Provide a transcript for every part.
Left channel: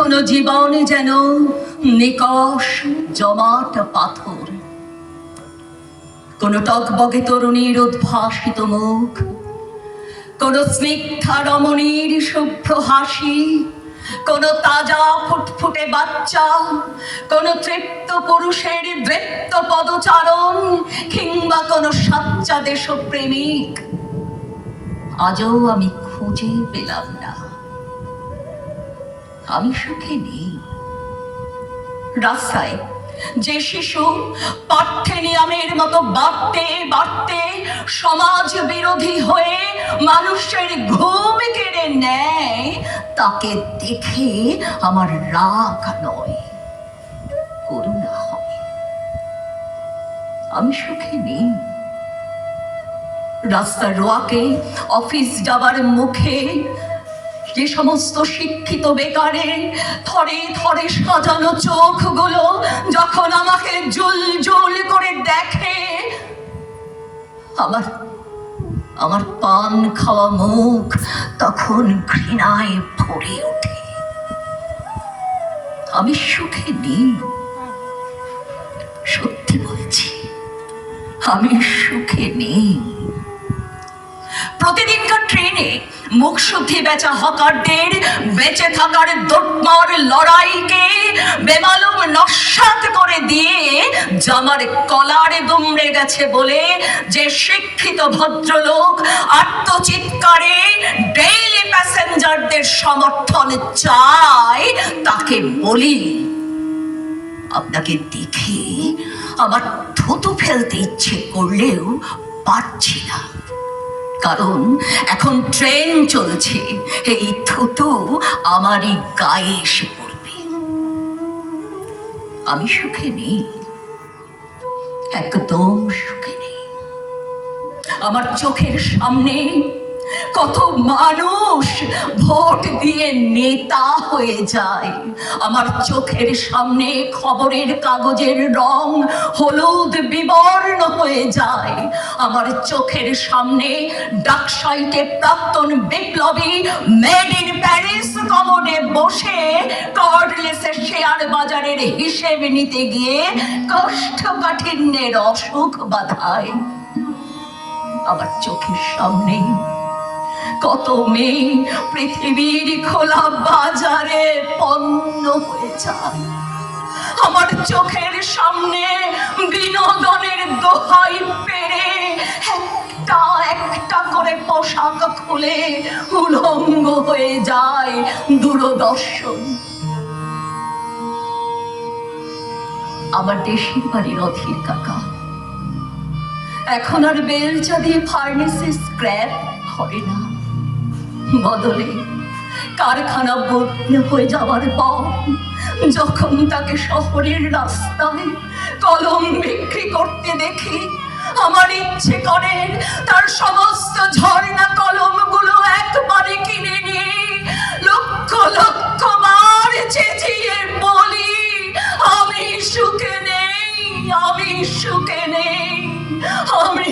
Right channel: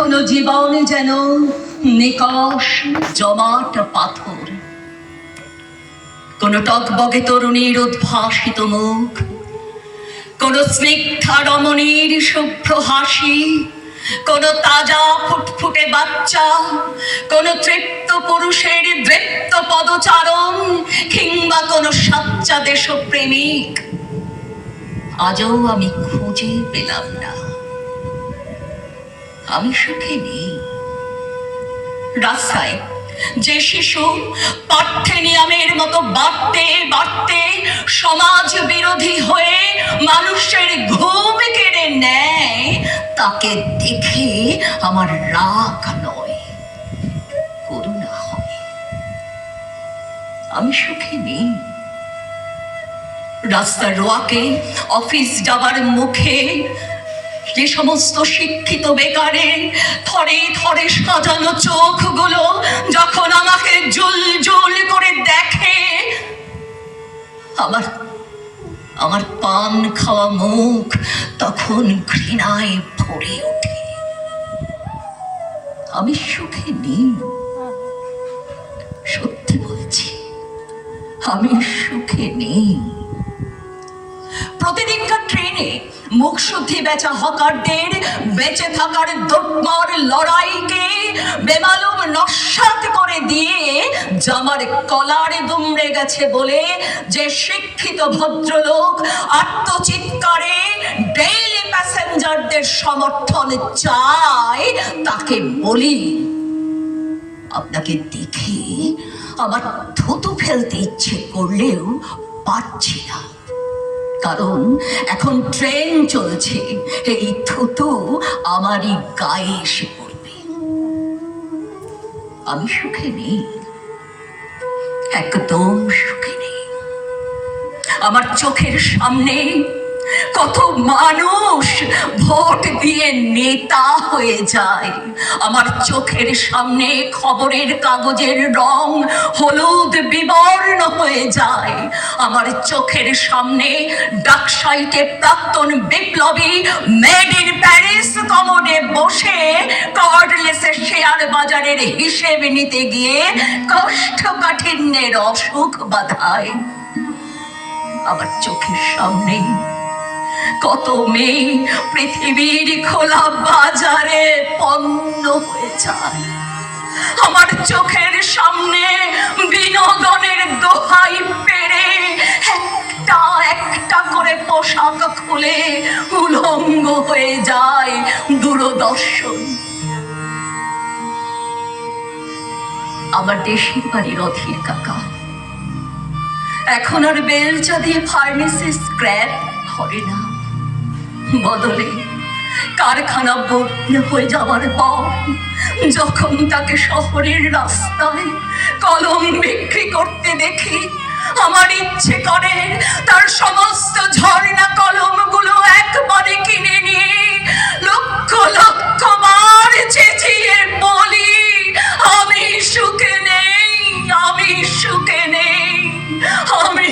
এখনো জীবন যেন নিকষ জমাট পাথর। কোন টকবগে তরুণীর উদ্ভাসিত মুখ, কোন স্নিগ্ধা রমণীর শুভ্র হাসি, কোন তাজা ফুটফুটে বাচ্চা, কোন তৃপ্ত পুরুষের দৃপ্ত পদচারণ, কিংবা কোন সাচ্চা দেশপ্রেমিক আজও আমি খুঁজে পেলাম না। আমি সুখে নেই। রাস্তায় যে শিশু পাঠ্যে নিয়মের মতো বাড়তে বাড়তে সমাজ বিরোধী হয়ে মানুষের ঘুম কেড়ে নেয়, তাকে দেখে আমার রাগ নয়, করুণা হয়। আমি সুখে নেই। রাস্তার রোয়াকে অফিস যাবার মুখে যে সমস্ত শিক্ষিত বেকারের থরে থরে সাজানো চোখগুলো যখন আমাকে জুল জুল করে দেখে, আমার পান খাওয়া মুখ তখন ঘৃণায় ভরে ওঠে। আমি সুখে নেই, সত্যি বলছি, আমি সুখে নেই। প্রতিদিনকার ট্রেনে মুখশুদ্ধি বেচা হকারদের বেঁচে থাকার দোটমার লড়াইকে বেমালুম নস্যাৎ করে দিয়ে জামার কলারে দুমড়ে গেছে বলে যে শিক্ষিত ভদ্রলোক আত্মচিৎকারে ডেইলি প্যাসেঞ্জারদের সমর্থন চায়, তাকে বলি, আপনাকে দেখে আমার থুতু ফেলতে ইচ্ছে করলেও পারছি না, কারণ এখন ট্রেন চলছে, এই থুতু আমারই গায়ে এসে পড়বে। আমি সুখে নেই, একদম সুখে নেই। আমার চোখের সামনে কত মানুষ ভোট দিয়ে নেতা হয়ে যায়। আমার চোখের সামনে খবরের কাগজের রং হলুদ বিবর্ণ হয়ে যায়। আমার চোখের সামনে ডাকসাইটে প্রাক্তন বিপ্লবী মেড ইন প্যারিস কমোডে বসে কর্ডলেসের শেয়ার বাজারের হিসেব নিতে গিয়ে কোষ্ঠকাঠিন্যের অসুখ বাধায়। আমার চোখের সামনে কত মেয়ে পৃথিবীর খোলা বাজারে পণ্য হয়ে যায়। আমার চোখের সামনে বিনোদনের দোহাই পেরে একটা একটা করে পোশাক খুলে উলঙ্গ হয়ে যায় দূরদর্শন। আমার দেশের বাড়ির অধীর কাকা এখন আর বেলচা দিয়ে ফার্নেসে স্ক্র্যাপ করে না, বদলে কারখানা ভর্তি হয়ে যাওয়ার পর যখন তাকে শহরের রাস্তায় কলম বিক্রি করতে দেখি, আমার ইচ্ছে করে তার সমস্ত ঝর্ণা কলমগুলো একবারে কিনে নিয়ে লক্ষ লক্ষ বার চেঁচিয়ে বলি, আমি সুখে নেই, আমি সুখে নেই, আমি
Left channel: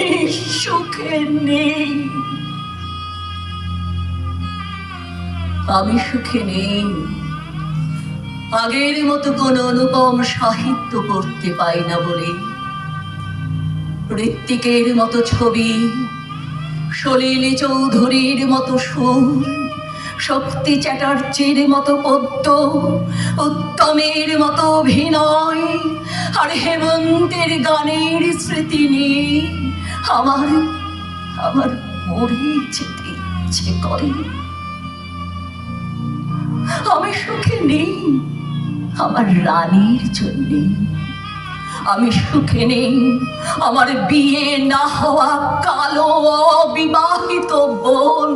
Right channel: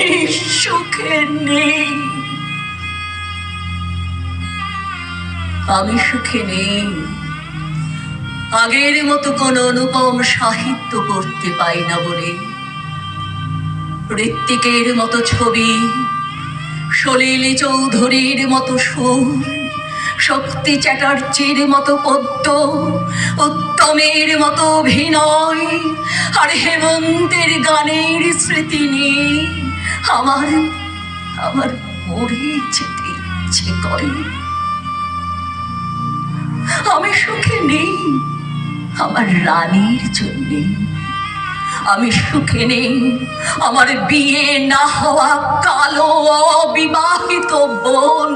সুখে নেই। আমি সুখে নেই। আগের মতো কোন অনুপম সাহিত্য পড়তে পাই না বলে, ঋত্বিকের মতো ছবি, সলিল চৌধুরীর মতো সুর, শক্তি চ্যাটার্জির মতো পদ্য, উত্তমের মতো অভিনয় আর হেমন্তের গানের স্মৃতি নিয়ে আমার মরে যেতে ইচ্ছে করে। আমি সুখে নেই আমার রানীর জন্যে, আমি সুখে নেই আমার বিয়ে না হওয়া কালো অবিবাহিত বোন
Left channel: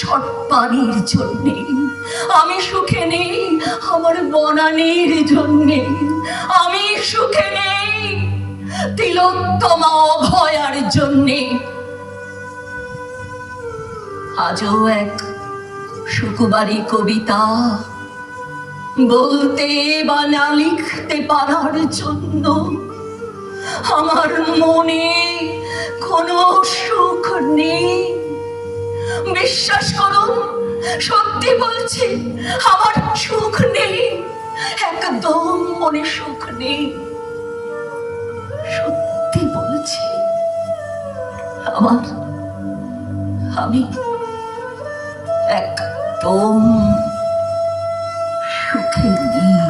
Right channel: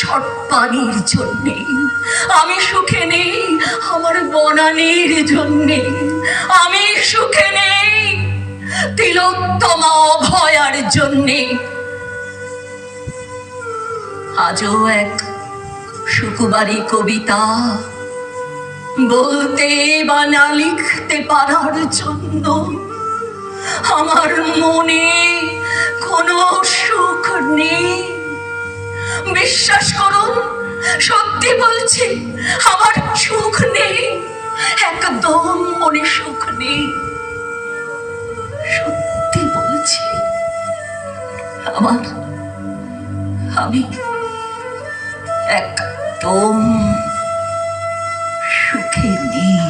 সর্পানির জন্যে, আমি সুখে নেই আমার বনানীর জন্যে, আমি সুখে নেই তিলোত্তমা অভয়ার জন্যে। আজও এক সুকুমারী কবিতা বলতে বা না লিখতে পারার জন্য আমার মনে কোনো সুখ নেই। বিশ্বাস করুন, সত্যি বলছি, আমার সুখ নেই। একদম মনে সুখ নেই। সত্যি বলছি, আমি একদম সুখে নেই।